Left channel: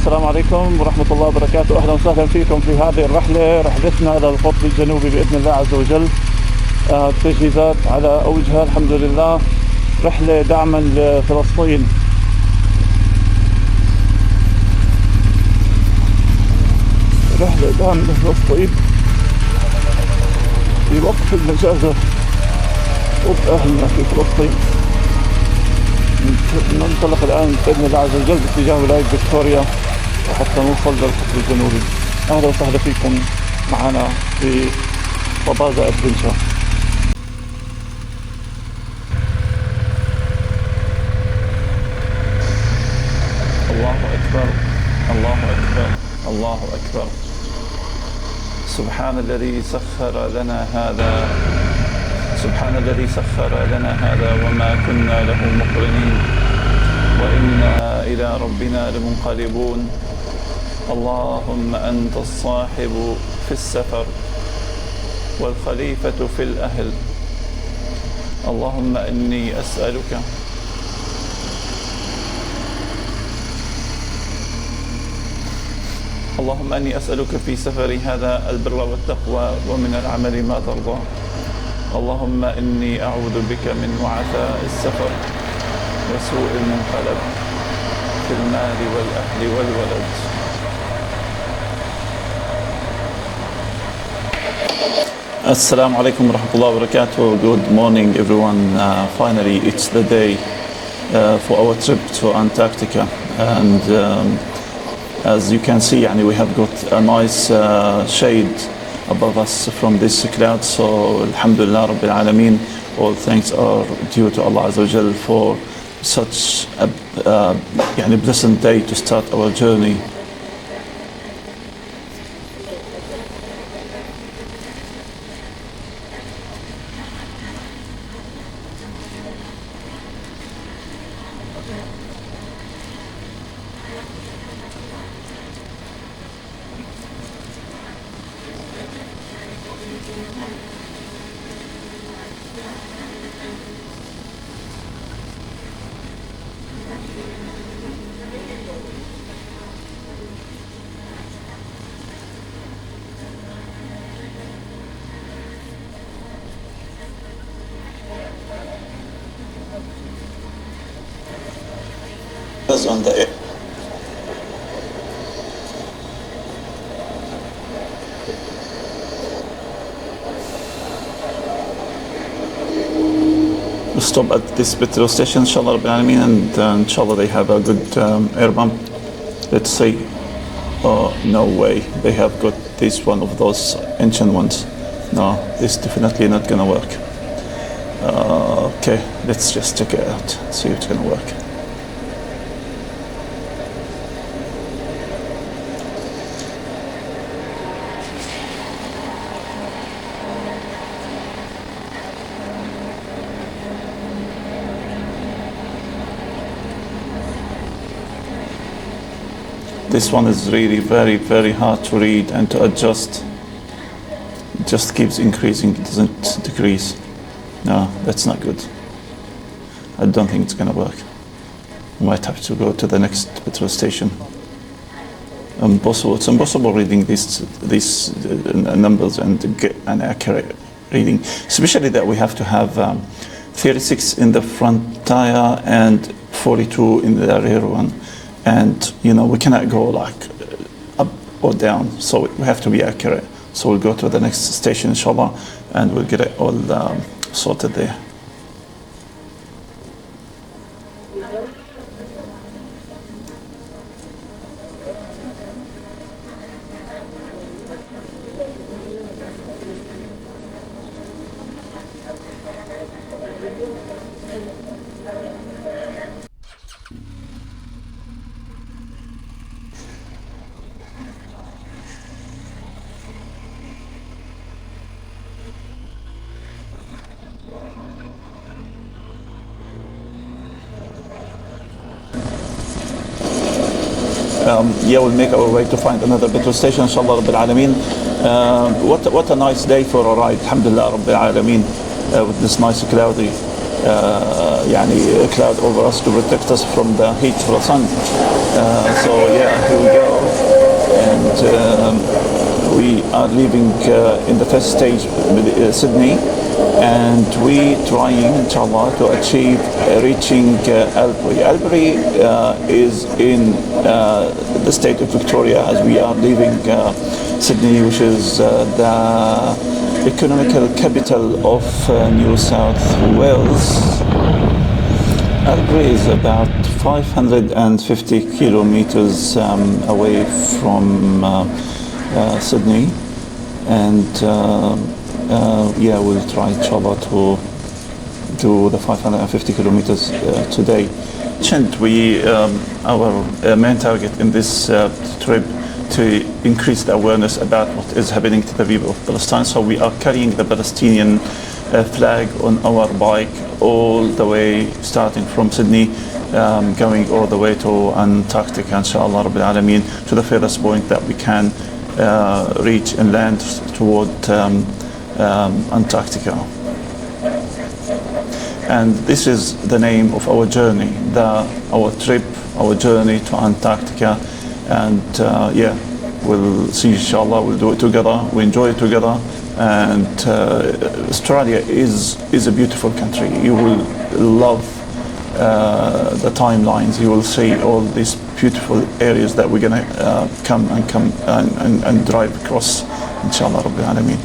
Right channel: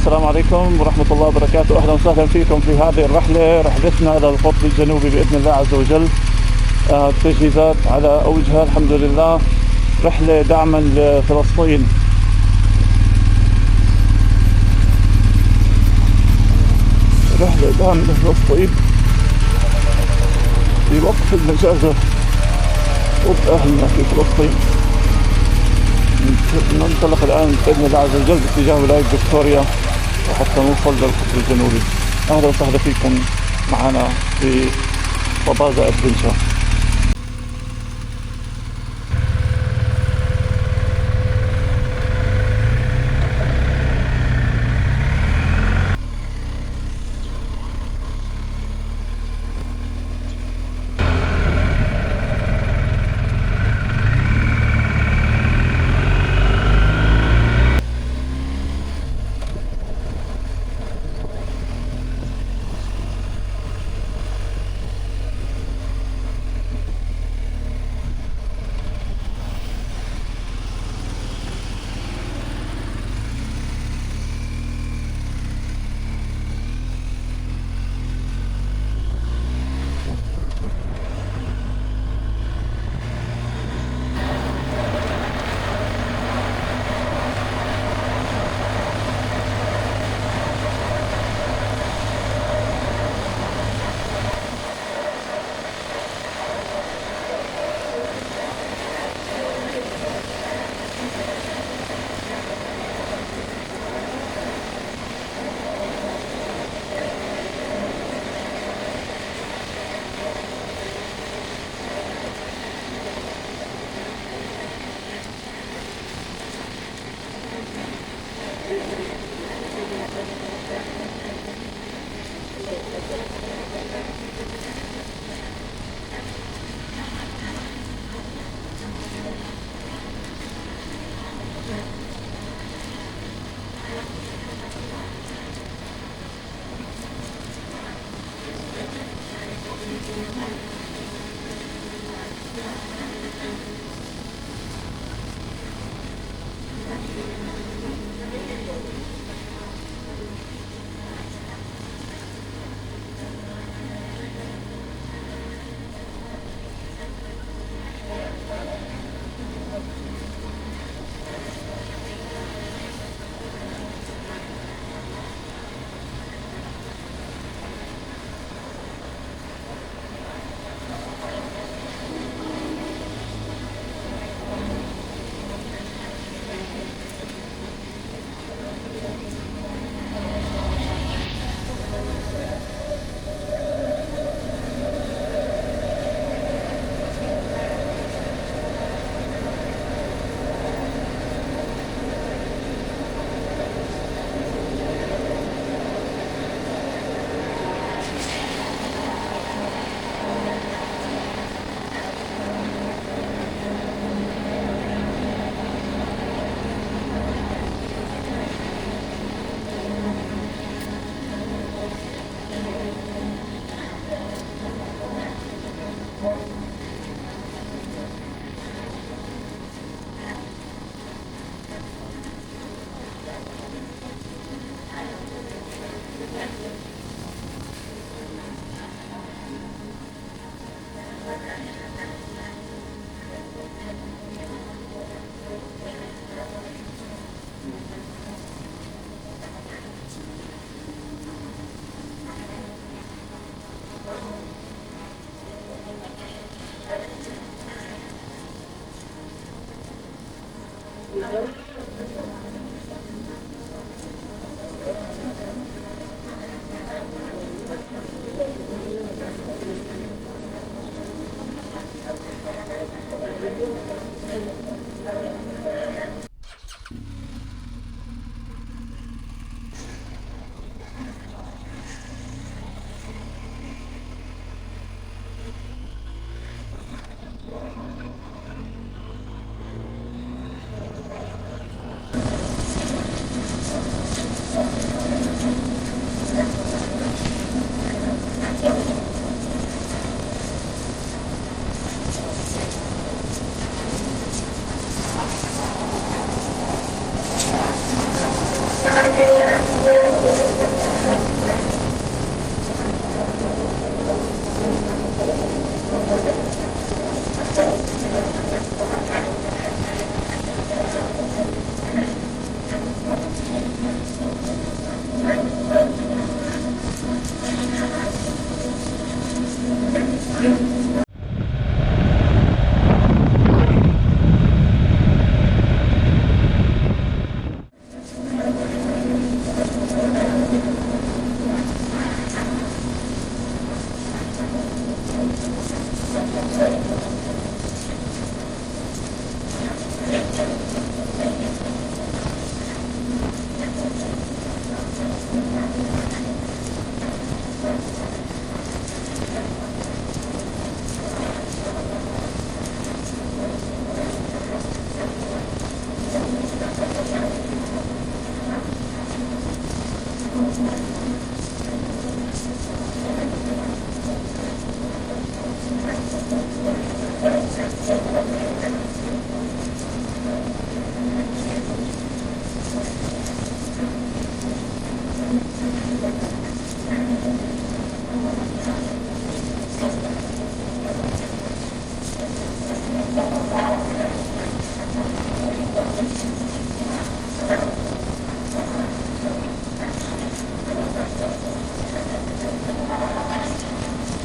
السلام عليكم ورحمة الله وبركاته. أهلا وسهلا فيكم في هذه الرحلة، رحلتنا إلى القطب الجنوبي بإذن الله عز وجل. التجهيزات على أوجها الحمد لله. رحلة دعما لفلسطين. رحلة دعم لفلسطين في وقف المجازر ضد أهلنا في فلسطين. ننطلق الآن بإذن الله عز وجل باتجاه ولاية فيكتوريا وحتى نوصل للقطب الجنوبي. أهلا وسهلا فيكم معنا في طبازة أدفنشر. الله أكبر. سبحان الذي سخر لنا هذا، سبحان الذي سخر لنا هذا وما كنا له مقرنين وإنا إلى ربنا لمنقلبون. اللهم أنت الصاحب في السفر والخليفة في الأهل. اللهم إني أسألك اللهم أني أسألك في سفري هذا البر والتقوى ومن العمل ما ترضى. اللهم إني أعوذ بك من وعثاء السفر وسوء المنقلب في المال والأهل والولد. Assalamu alaikum wa rahmatullahi wa barakatuh. Good morning everyone. Finally it's the day for our trip to Antarctica, and as you can see, we have got a nice shade above us from this cloud. So alhamdulillah rabbil alameen, all thanks are due to Allah Azza wa Jal for such a pleasant day to start our journey. On the we'll stop at this petrol station inshallah rabbil alameen, and inshallah they have a good air pump. Let's see. Oh no way, they have got this one of those ancient ones. No, this definitely not gonna work. Okay, let's just check it out, see if it's gonna work. This one is really very, very hard to read and to adjust. It just keeps increasing, it doesn't decrease. No, that's not good. I don't think it's gonna work. I might have to go to the next petrol station. It's impossible reading these numbers and get an accurate reading. Especially that we have to have 36 in the front tire and 42 in the rear one. And we cannot go like up or down, so we have to be accurate. So we'll go to the next station inshallah and we'll get it all sorted there. We'll make our way to find another petrol station inshallah rabbil alameen. What a nice day for a ride, alhamdulillah rabbil alameen, with this nice cloudy يعني cloud over us to protect us from the heat of the sun. So yeah, here we go, and we are leaving in the first stage Sydney, and we trying inshallah to achieve reaching Albury. Albury is in the state of Victoria, as we are leaving Sydney, which is the economical capital of New South Wales. Albury is about 550 kilometers away from Sydney, and yeah, we'll try inshallah to do the 550 kilometers today. Our main target in this trip to increase the awareness about what is happening to the people of Palestine. So we are carrying the Palestinian flag on our bike all the way, starting from Sydney, going all the way to Antarctica, inshallah Rabbil Alameen, to the furthest point that we can reach inland toward Antarctica. And this is the name of our journey, our trip, our journey to Antarctica. And yeah, we'll see inshallah, we'll do it together, we enjoy it together. And Australia is a beautiful country. You will love the timelines. You will see all these beautiful areas that we're gonna come and drive across, inshallah Rabbil Alameen.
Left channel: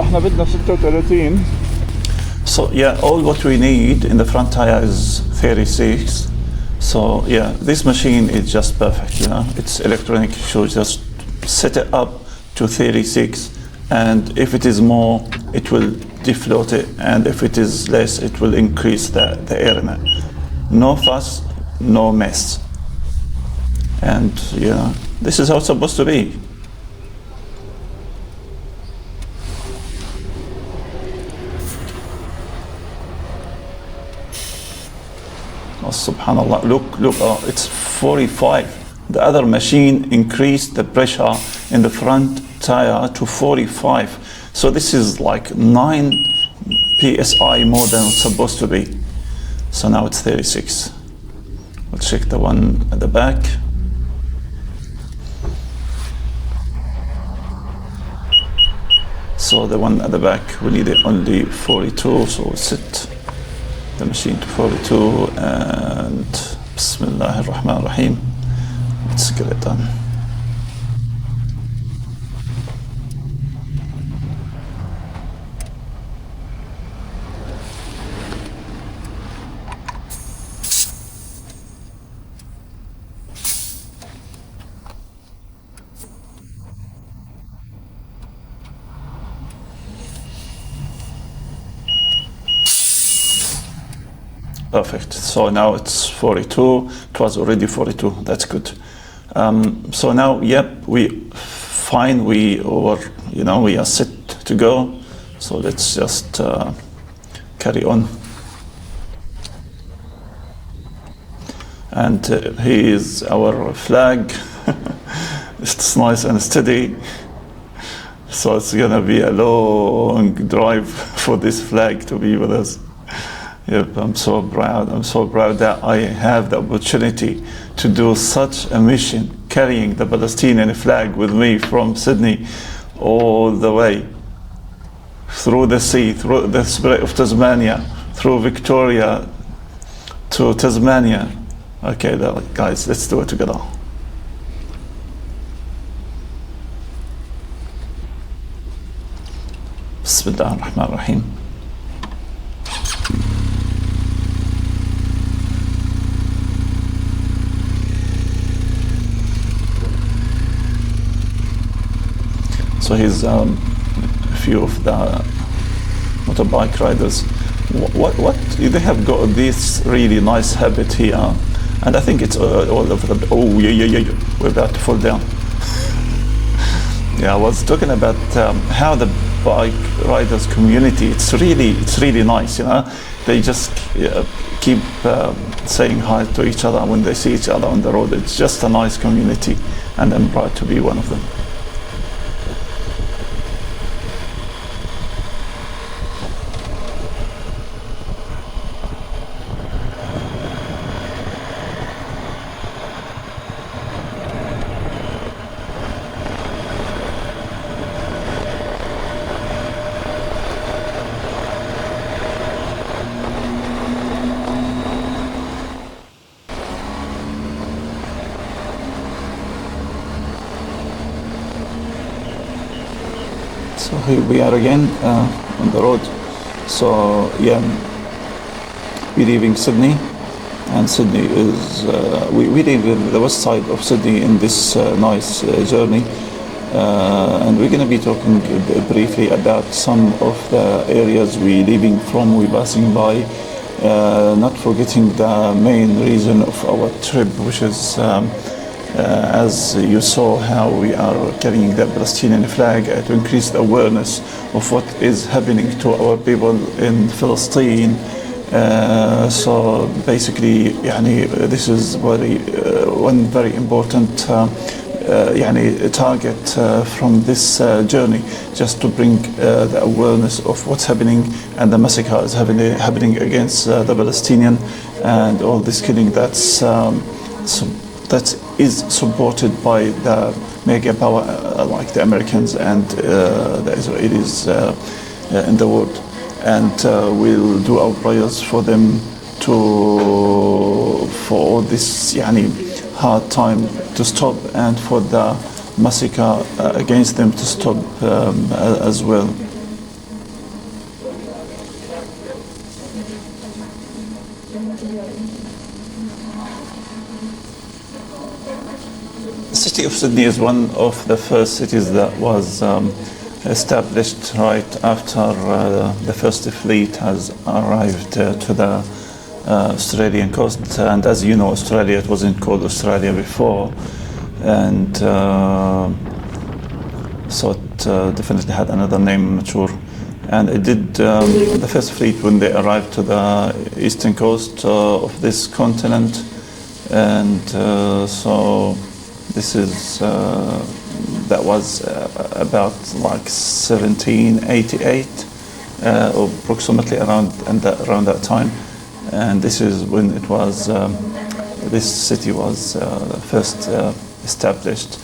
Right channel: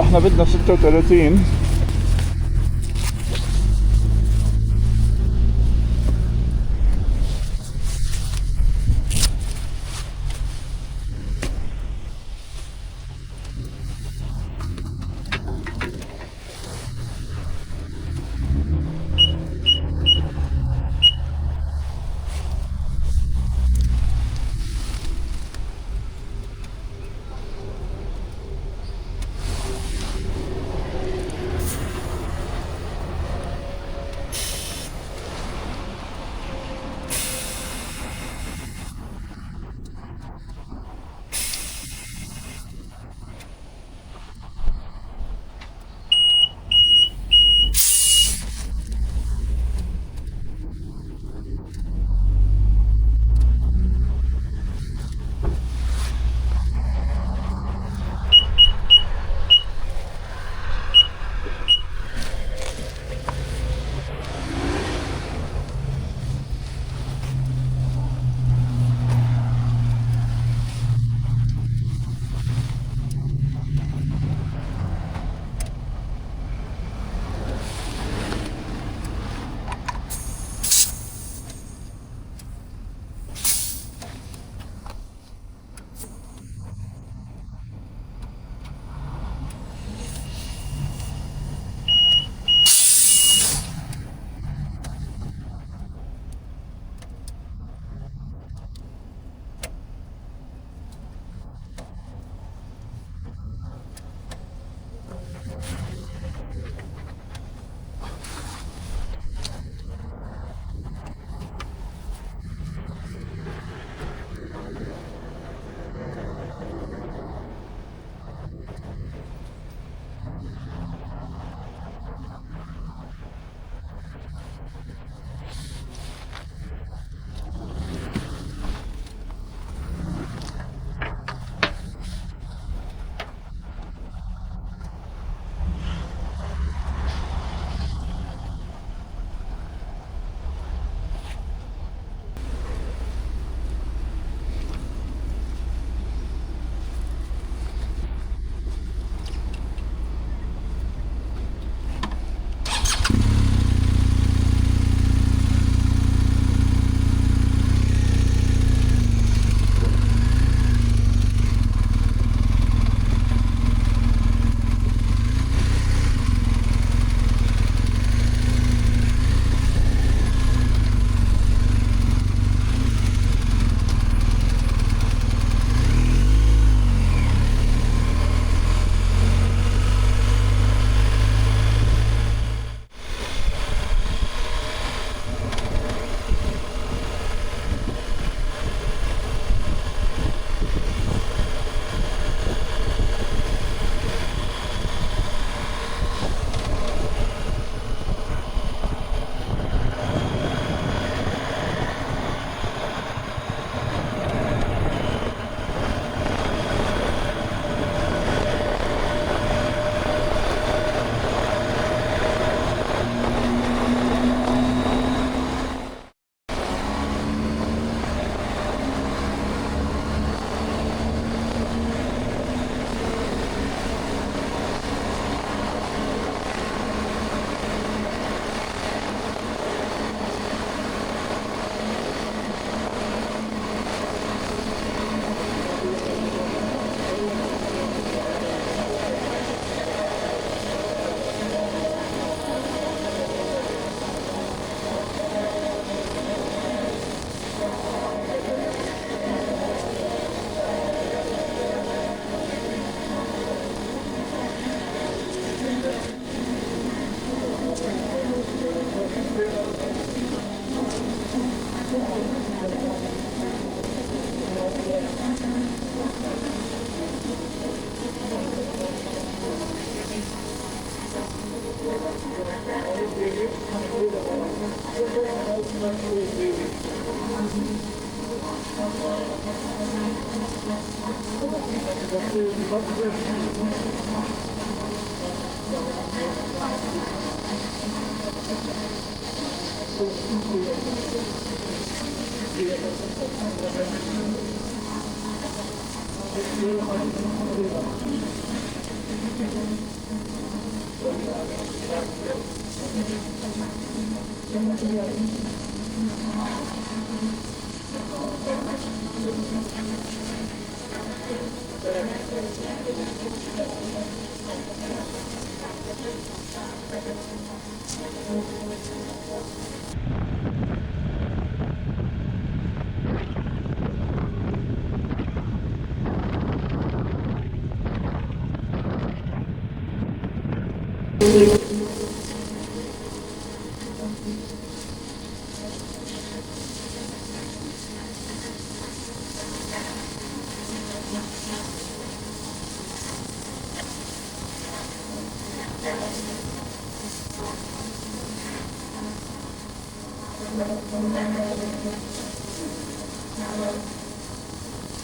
احنا بدنا 36. So yeah, all what we need in the front tire is 36. So yeah, this machine is just perfect, you know. It's electronic, so just set it up to 36, and if it is more, it will defloat it, and if it is less, it will increase the air in it. No fuss, no mess. And yeah, this is how it's supposed to be. Subhanallah, look, it's 45. The other machine increased the pressure in the front tire to 45. So this is like 9 psi more than it's supposed to be. So now it's 36. We'll check the one at the back. So the one at the back, we need it only 42, so we'll set the machine to 42, and Bismillah ar-Rahman ar-Rahim. Let's get it done. Perfect. So now it's 42. It was already 42. That's good. So now, yep, we are set to go. So let's just carry on. And here is our flag. It's nice and steady. So it's gonna be a long drive for this flag to be with us. Yep, I'm so proud that I have the opportunity to do such a mission, carrying the Palestinian flag with me from Sydney all the way through the sea, through the Strait of Tasmania, through Victoria to Tasmania. Okay, guys, let's do it together. Bismillah ar-Rahman ar-Rahim. So here's a few of the motorbike riders. What they have got this really nice habit here, and I think it's all over the. Oh yeah, we're about to fall down. Yeah, I was talking about how the bike riders community. It's really nice. They just keep saying hi to each other when they see each other on the road. It's just a nice community, and I'm proud to be one of them. So here we are again on the road. So yeah, we're leaving Sydney, and Sydney is we live in the west side of Sydney in this nice journey, and we're going to be talking briefly about some of the areas we're leaving from, we're passing by, not forgetting the main reason of our trip, which is as you saw how we are carrying the Palestinian flag to increase the awareness of what is happening to our people in Palestine. So basically, this is one very important target from this journey, just to bring the awareness of what's happening and the massacre is happening against the Palestinian, and all this killing that is supported by the mega power like the Americans and the Israelis in the world. And we'll do our prayers for them for all this hard time to stop, and for the massacre against them to stop as well. The city of Sydney is one of the first cities that was established right after the first fleet has arrived to the Australian coast. And as you know, Australia, it wasn't called Australia before, and so it definitely had another name, I'm not sure. And it did the first fleet when they arrived to the eastern coast of this continent, and so this is that was about like 1788, approximately around that time. And this is when it was this city was first established.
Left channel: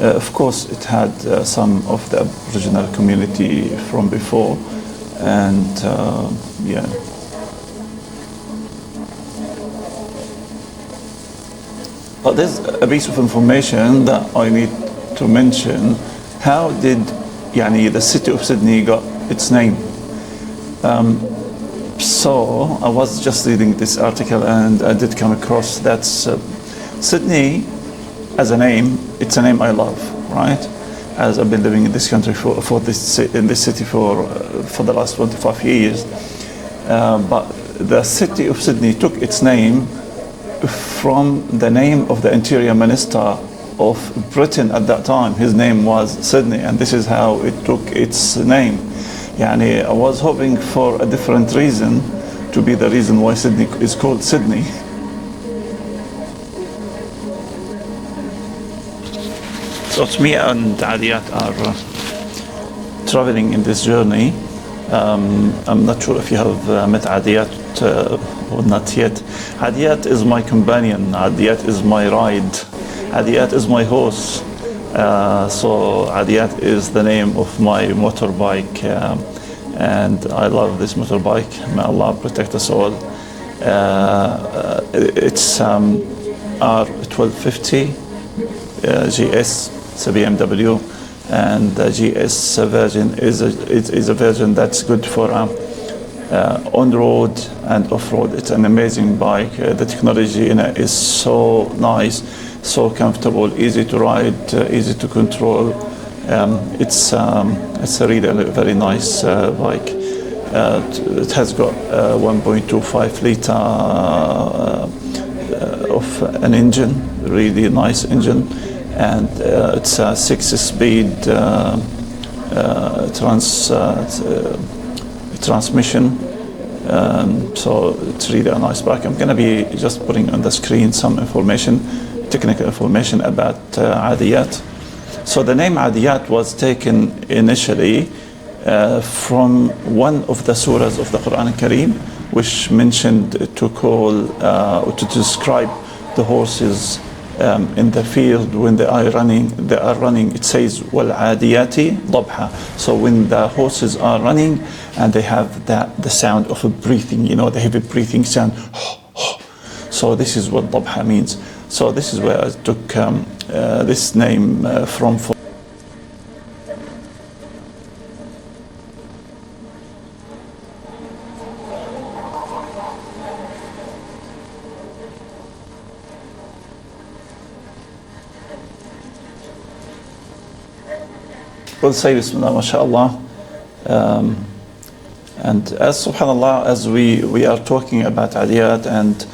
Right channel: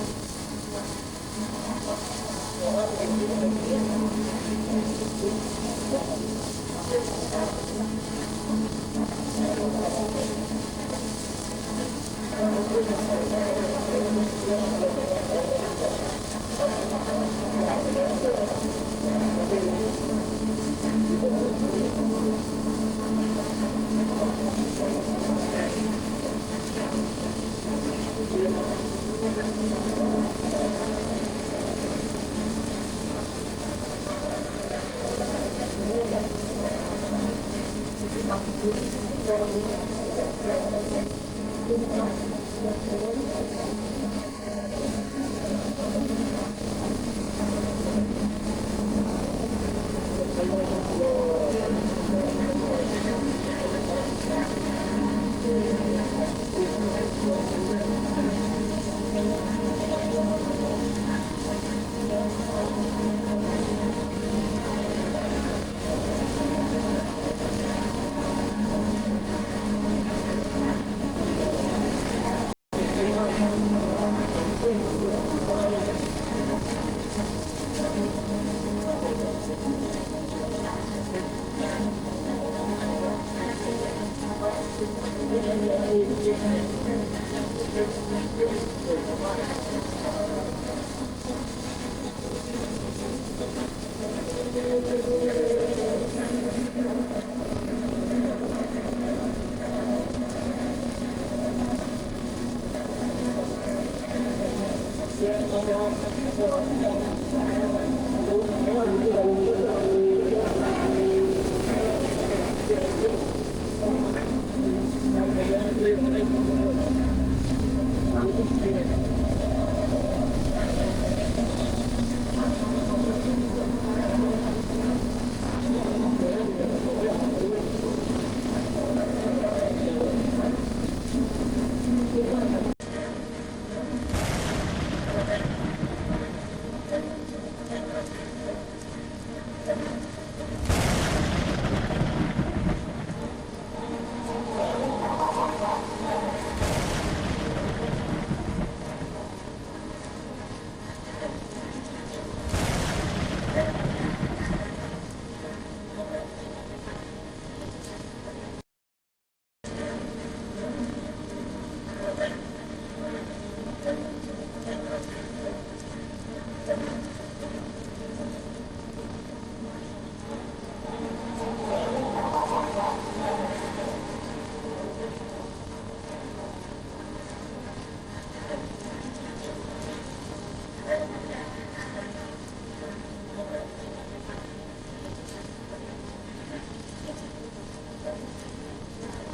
Of course, it had some of the Aboriginal community from before, and yeah. But there's a piece of information that I need to mention. How did the city of Sydney got its name? So I was just reading this article, and I did come across that Sydney as a name, it's a name I love, right? As I've been living in this country in this city for the last 25 years. But the city of Sydney took its name from the name of the Interior Minister of Britain at that time. His name was Sydney, and this is how it took its name. I was hoping for a different reason to be the reason why Sydney is called Sydney. So me and Adiyat are traveling in this journey. I'm not sure if you have met Adiyat or not yet. Adiyat is my companion. Adiyat is my ride. Adiyat is my horse. So Adiyat is the name of my motorbike, and I love this motorbike. May Allah protect us all. It's R1250 GS. It's a BMW, and the GS version is a version that's good for on-road and off-road. It's an amazing bike. The technology in it is so nice, so comfortable, easy to ride, easy to control. It's a really very nice bike. It has got 1.25 liter of an engine, really nice engine. and it's a 6-speed transmission. So it's really a nice bike. I'm going to be just putting on the screen some information, technical information about Adiyat. So the name Adiyat was taken initially from one of the surahs of the Quran Kareem, which mentioned to call or to describe the horses in the field when they are running. It says وَالْعَادِيَاتِ ضَبْحًا. So when the horses are running and they have the sound of a breathing, the heavy breathing sound. So this is what ضَبْحًا means. So this is where I took this name from. We'll say Bismillah, mashallah. And as subhanallah, as we are talking about Adiyat, and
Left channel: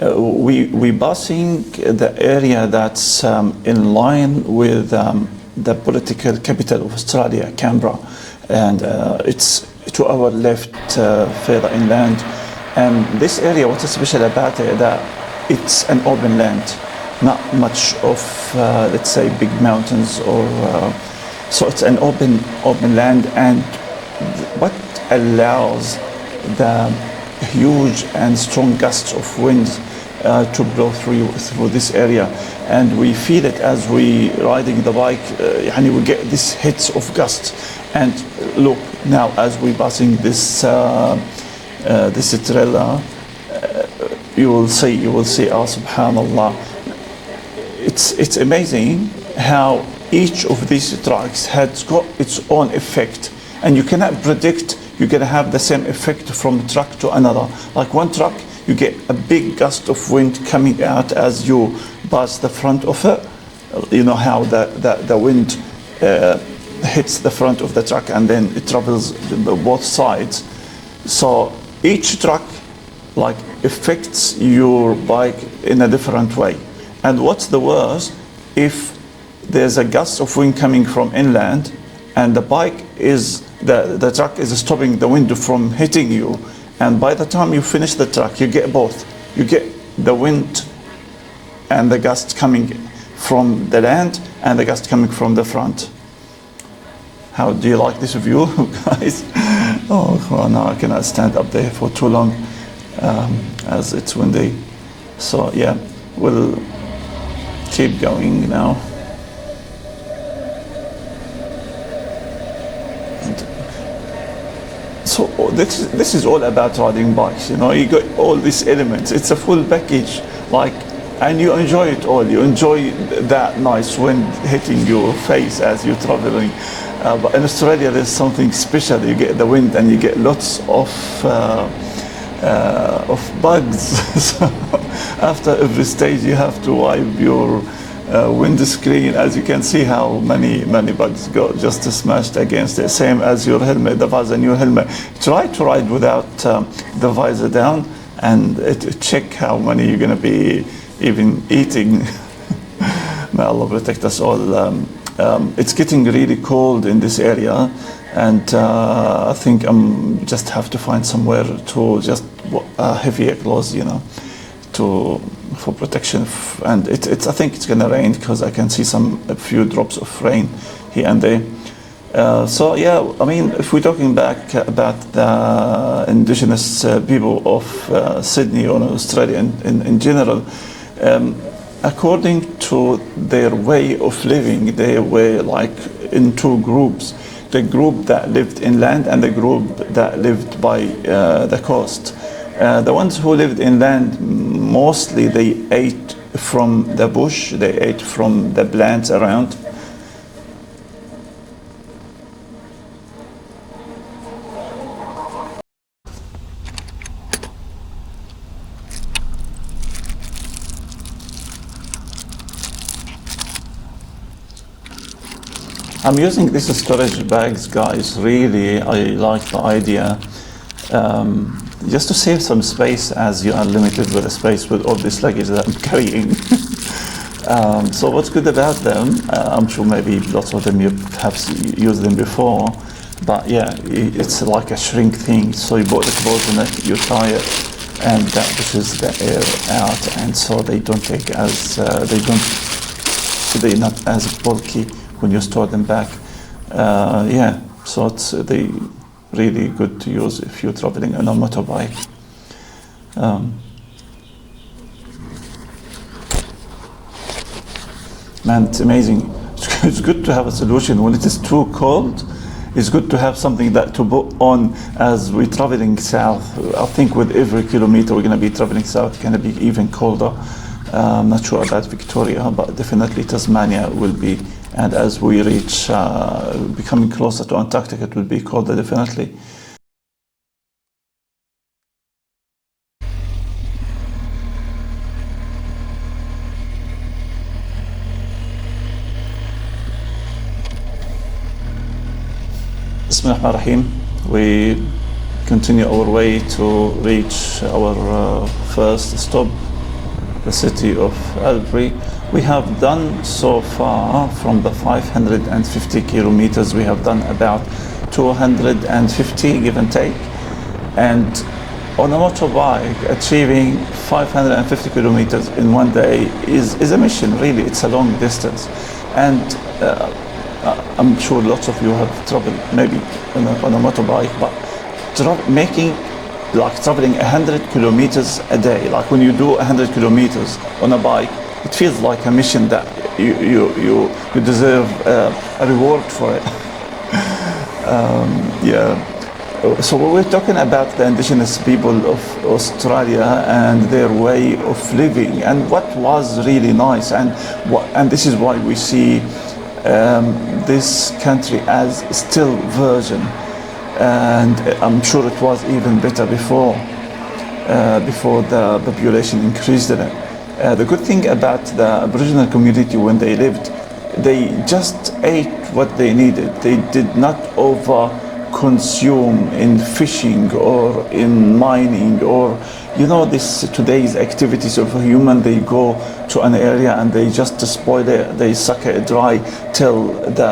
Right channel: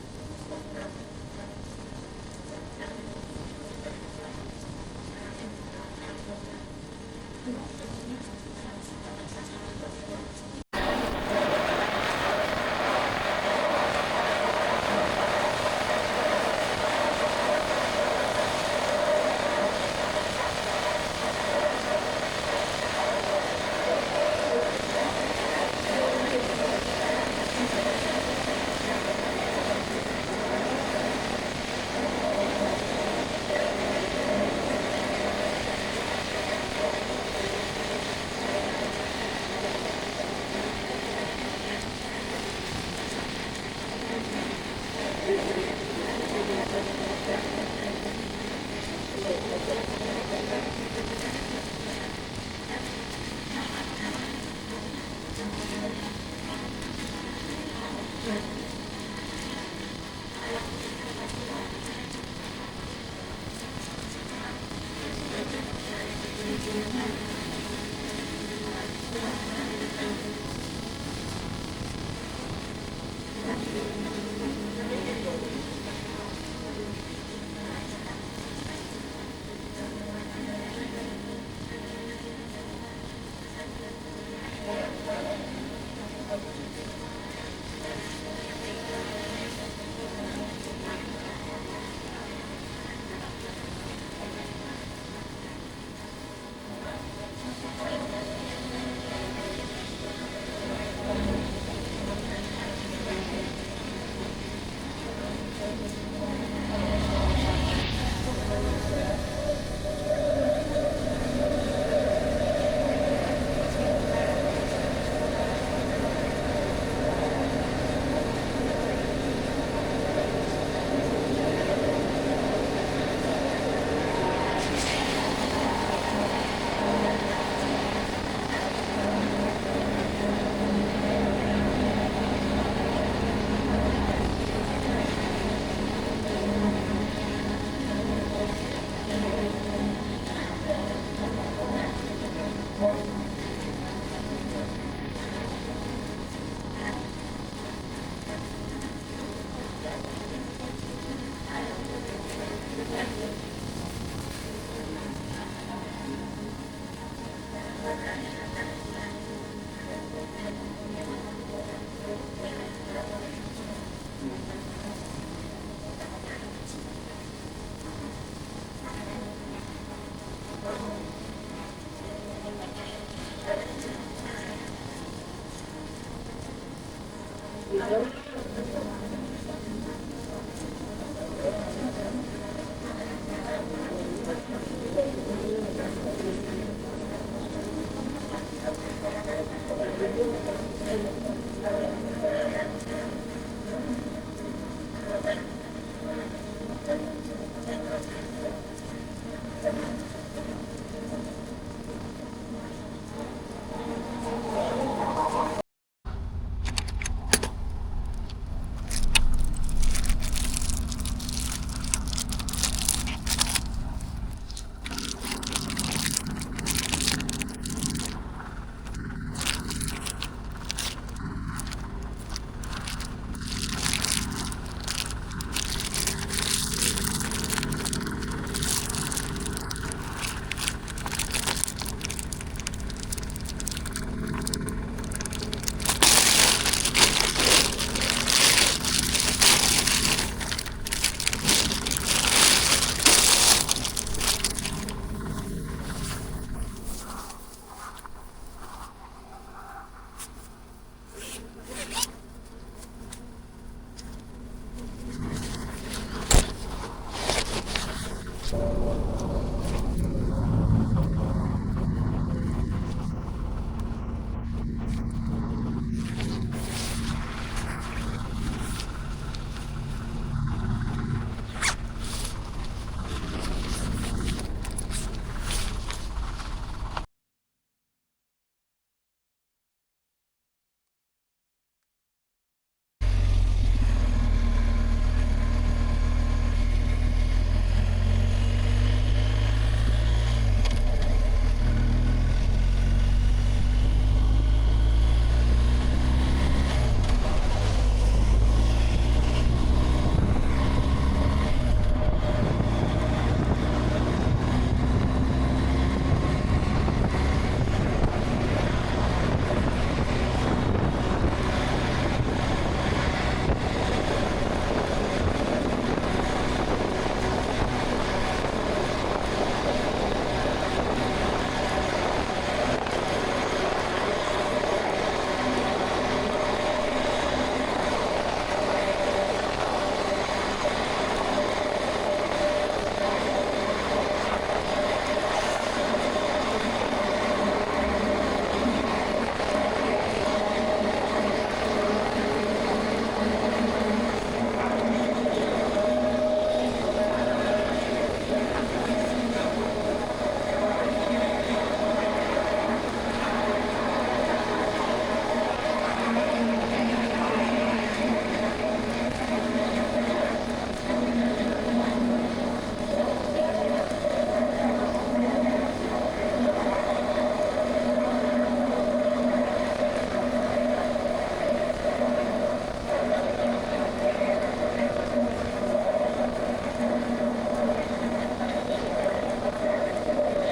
we passing the area that's in line with the political capital of Australia, Canberra, and it's to our left, further inland. And this area, what's special about it, that it's an open land, not much of let's say big mountains or so it's an open land, and what allows the huge and strong gusts of wind to blow through this area, and we feel it as we riding the bike. We get these hits of gusts, and look now as we passing this trailer, you will see. Oh, subhanallah! It's amazing how each of these trucks has got its own effect, and you cannot predict you're going to have the same effect from truck to another. Like one truck, you get a big gust of wind coming out as you pass the front of it. You know how the wind hits the front of the truck and then it travels both sides. So each truck affects your bike in a different way. And what's the worst, if there's a gust of wind coming from inland and the truck is stopping the wind from hitting you, and by the time you finish the truck, you get both. You get the wind and the gust coming from the land and the gust coming from the front. How do you like this view, guys? Oh, now I cannot stand up there for too long as it's windy. So yeah, we'll keep going now. So this is all about riding bikes, you got all these elements. It's a full package, and you enjoy it all. You enjoy that nice wind hitting your face as you're traveling. But in Australia, there's something special. You get the wind and you get lots of bugs. So after every stage, you have to wipe your windscreen. As you can see how many bugs go just smashed against it. Same as your helmet, the visor in your helmet. Try to ride without the visor down and check how many you're going to be even eating. May Allah protect us all. It's getting really cold in this area, and I think I'm just have to find somewhere to just heavier clothes, for protection. And I think it's gonna rain because I can see a few drops of rain here and there. So yeah, if we're talking back about the indigenous people of Sydney or Australia in general, according to their way of living, they were in two groups: the group that lived inland and the group that lived by the coast. The ones who lived inland, mostly they ate from the bush, they ate from the plants around. I'm using these storage bags, guys. Really, I like the idea. Just to save some space, as you are limited with the space with all this luggage that I'm carrying. So what's good about them? I'm sure maybe lots of them you have used them before, but yeah, it's like a shrink thing. So you put the clothes in it, you tie it, and that pushes the air out, and so they don't take as they're not as bulky when you store them back. Yeah, so they really good to use if you're traveling on a motorbike. Man, it's amazing. It's good to have a solution when it is too cold. It's good to have something that to put on as we're traveling south. I think with every kilometer we're going to be traveling south, it's going to be even colder. I'm not sure about Victoria, but definitely Tasmania will be. And as we reach, becoming closer to Antarctica, it will be colder definitely. Bismillahirrahmanirrahim. We continue our way to reach our first stop, the city of Albury. We have done so far from the 550 kilometers, we have done about 250 give and take. And on a motorbike, achieving 550 kilometers in one day is a mission, really. It's a long distance. And I'm sure lots of you have traveled maybe on a motorbike, but traveling 100 kilometers a day, like when you do 100 kilometers on a bike, it feels like a mission that you deserve a reward for it. Yeah. So we're talking about the indigenous people of Australia and their way of living, and what was really nice, and this is why we see this country as still virgin, and I'm sure it was even better before the population increased in it. The good thing about the Aboriginal community when they lived, they just ate what they needed. They did not over-consume in fishing or in mining or this today's activities of a human. They go to an area and they just spoil it. They suck it dry till the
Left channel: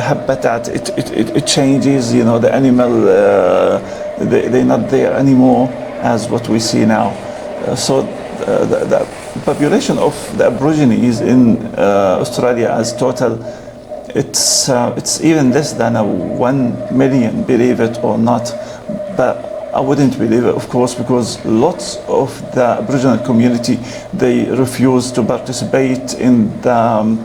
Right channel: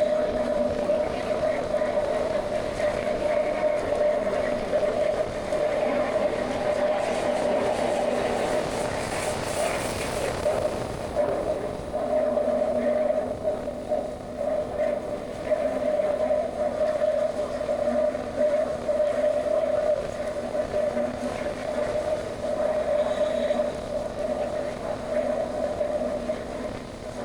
habitat it changes. The animal they're not there anymore as what we see now. So the population of the Aborigines in Australia as total, it's even less than 1 million, believe it or not. But I wouldn't believe it, of course, because lots of the Aboriginal community, they refuse to participate in the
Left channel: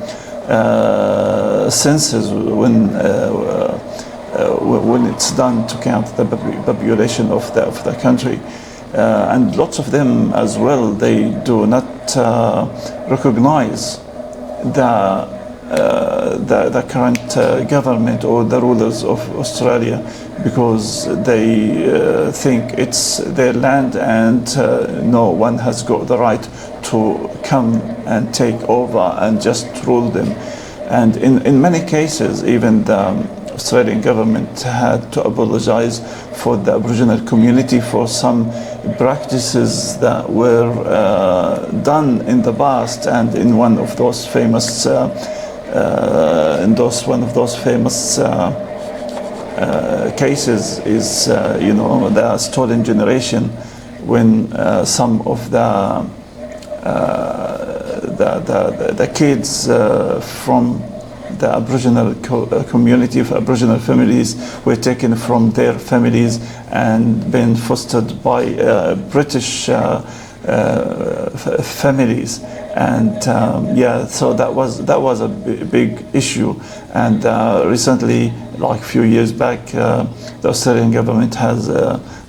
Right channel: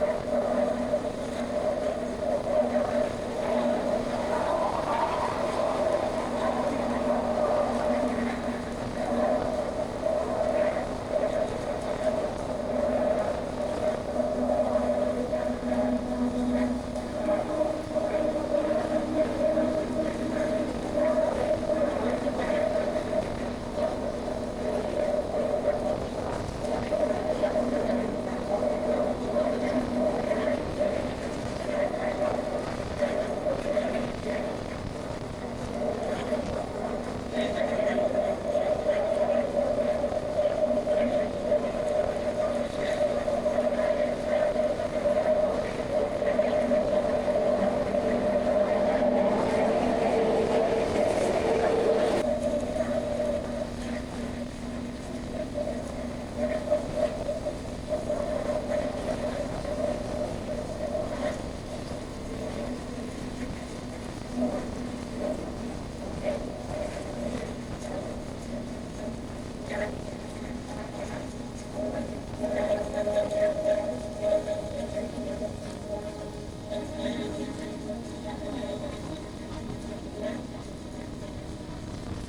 census when it's done to count the population of the country. And lots of them as well, they do not recognize the current government or the rulers of Australia, because they think it's their land and no one has got the right to come and take over and just rule them. And in many cases, even the Australian government had to apologize for the Aboriginal community for some practices that were done in the past. And in one of those famous cases is the stolen generation, when some of the kids from the Aboriginal community of Aboriginal families were taken from their families and been fostered by British families, and so that was a big issue. And recently, like a few years back, the Australian government has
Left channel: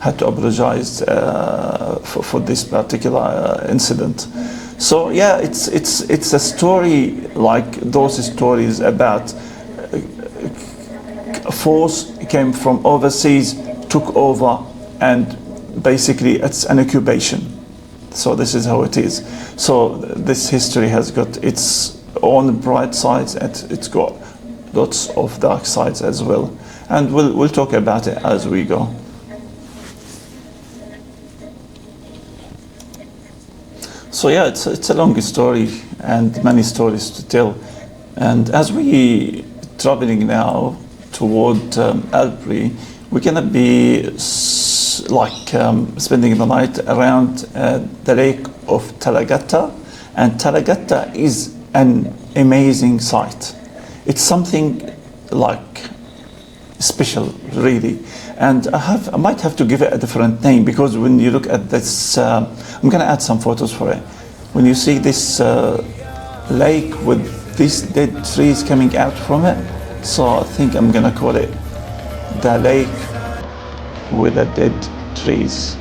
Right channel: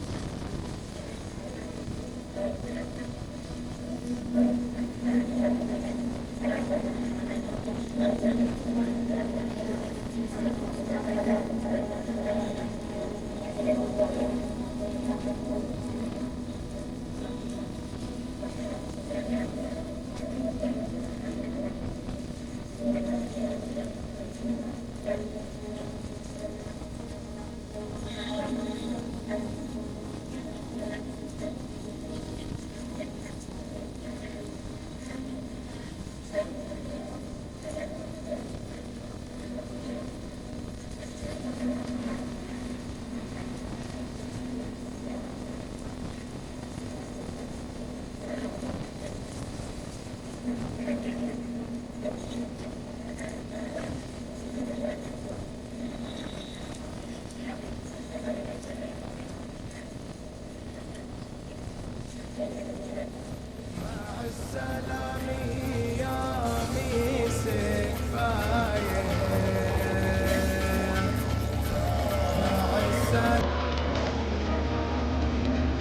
had to apologize for this particular incident. So yeah, it's a story like those stories about a force came from overseas, took over, and basically it's an occupation. So this is how it is. So this history has got its own bright sides and it's got lots of dark sides as well. And we'll talk about it as we go. So yeah, it's a long story and many stories to tell. And as we traveling now toward Albury, we're gonna be spending the night around the lake of Talagatta, and Talagatta is an amazing site. It's something like special, really. And I might have to give it a different name, because when you look at this, I'm going to add some photos for it. When you see this lake with these dead trees coming out from it, so I think I'm going to call it the lake with the dead trees.